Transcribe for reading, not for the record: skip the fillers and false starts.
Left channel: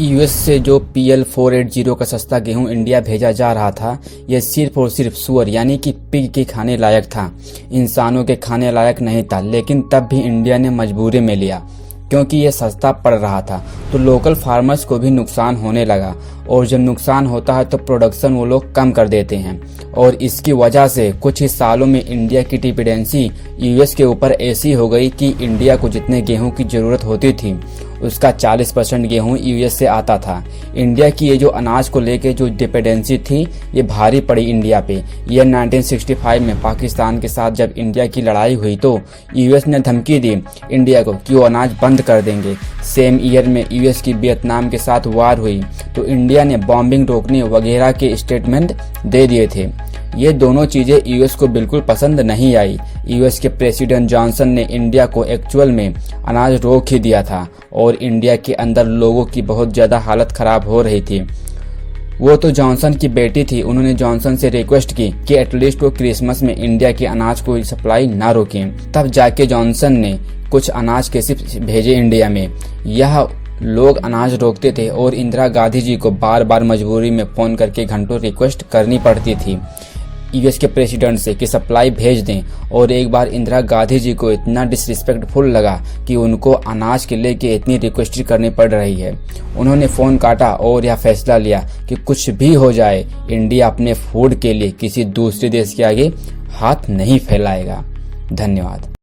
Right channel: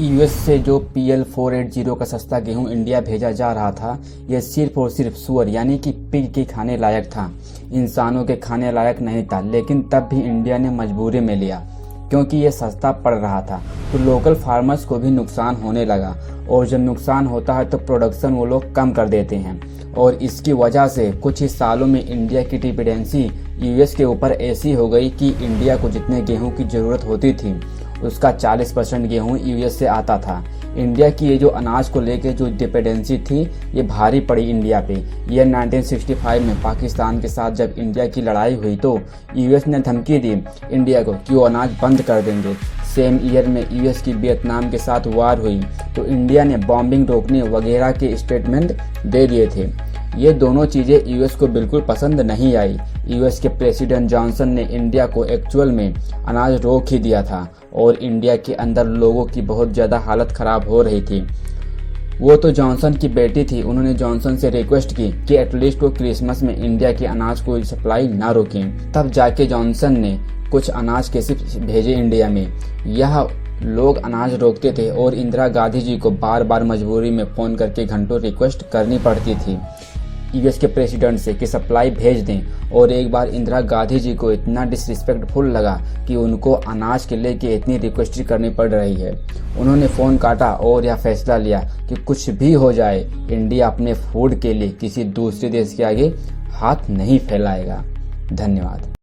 US से जो PL480 का सस्ता गेहूं इंडिया भेजा जा रहा था, यह सिर्फ और सिर्फ सुअर यानी कि पिग के खाने लायक था, इंसानों के खाने लायक नहीं था। लेकिन तब भी इंडिया ने मजबूरी में लिया क्योंकि यह सस्ता पड़ रहा था। तो लोकल फार्मर्स को भी नुकसान होने लगा, और जब नुकसान होता है तो प्रोडक्शन वो लोग कम कर देते हैं, और इसकी वजह से कुछ ही सालों में इंडिया की डिपेंडेंसी यूएस के ऊपर ऐसी हो गई कि इंडिया को जितने गेहूं की ज़रूरत होती थी उसका 40% गेहूं यूएस से आता था। इंडिया की ये जो अनाज को लेके जो डिपेंडेंसी थी ये भारी पड़ी इंडिया पे। यह 1965 में पाकिस्तान के साथ जब इंडिया की लड़ाई हुई तो यूएस ने धमकी दी इंडिया को कि वो अनाज बंद कर देंगे। सेम ईयर में यूएस की वियतनाम के साथ वार हुई तो इंडिया ने बॉम्बिंग रोकने वगैरह के स्टेटमेंट दे दिए थे। ये दोनों चीज़ें यूएस को बिल्कुल पसंद नहीं आई। यूएस के प्रेसिडेंट जॉनसन ने इंडिया को एक्चुअल में अनाज रोक ही दिया था, और इंडिया के अंदर लोगों की बहुत ज़्यादा हालत ख़राब हो रही थी। वो तो जॉनसन की बेटी थी, उन्होंने जॉनसन से रिक्वेस्ट की कि एटलीस्ट वो क्रिसमस में इंडिया के अनाज को सप्लाई ना रोकें। तब जाके जॉनसन ने कुछ अनाज कैसे भेजे इंडिया में। यह लोग अनाज रोकते थे और इंदिरा गांधी जी को बार बार मजबूरी में फ़ोन करके घंटों रिक्वेस्ट करनी पड़ती थी यूएस के प्रेसिडेंट से कि सप्लाई भेज दें। और एक बार इंदिरा गांधी जी को इतना डिसरिस्पेक्टफुल लगा कि उनको अनाज के लेके इतनी रिक्वेस्ट करनी पड़ रही है, उन्होंने फ़ोन काटा और यह फैसला लिया कि कुछ भी हो जाए इंडिया अपने फूड के लिए किसी दूसरे देश के आगे हाथ नहीं फैलाएगा। धन्यवाद।